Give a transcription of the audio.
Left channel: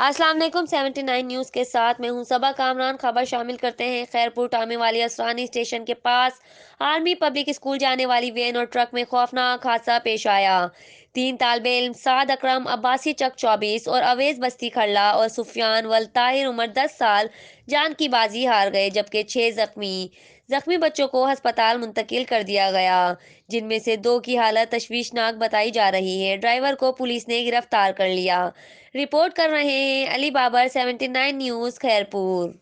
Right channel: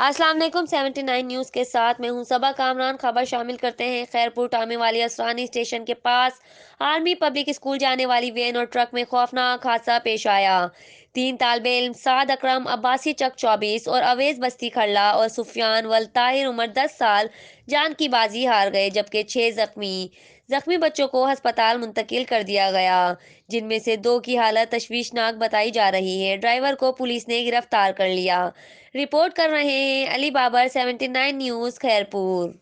अस्सलाम वालेकुम 79 न्यूज़ के साथ मैं हूं सबा कामरान। खबर शामिल करते हैं। खैरपुर टामे वाली असरानी स्टेशन के पास आर्मी पब्लिक स्कूल जाने वाली वैन और ट्रक में खौफनाक हादसा पेश आया। तीन तालिबे इल्म साद अकरम अब्बासी चक 24 और अवेज बस्ती खल्ला और सुफियान वल ताहिर उम्र 10 साल जान की बाजी हार गए, जबकि 6 जख्मी जख्मी बच्चों को अस्पताल मुंतकिल कर दिया गया, जिनमें से 2 की हालत तशवीशनाक बताई जा रही है। ड्राइवर को पुलिस ने गिरफ्तार कर लिया। रिपोर्ट कर रहे हैं अली बाबर, 79 न्यूज़, खैरपुर।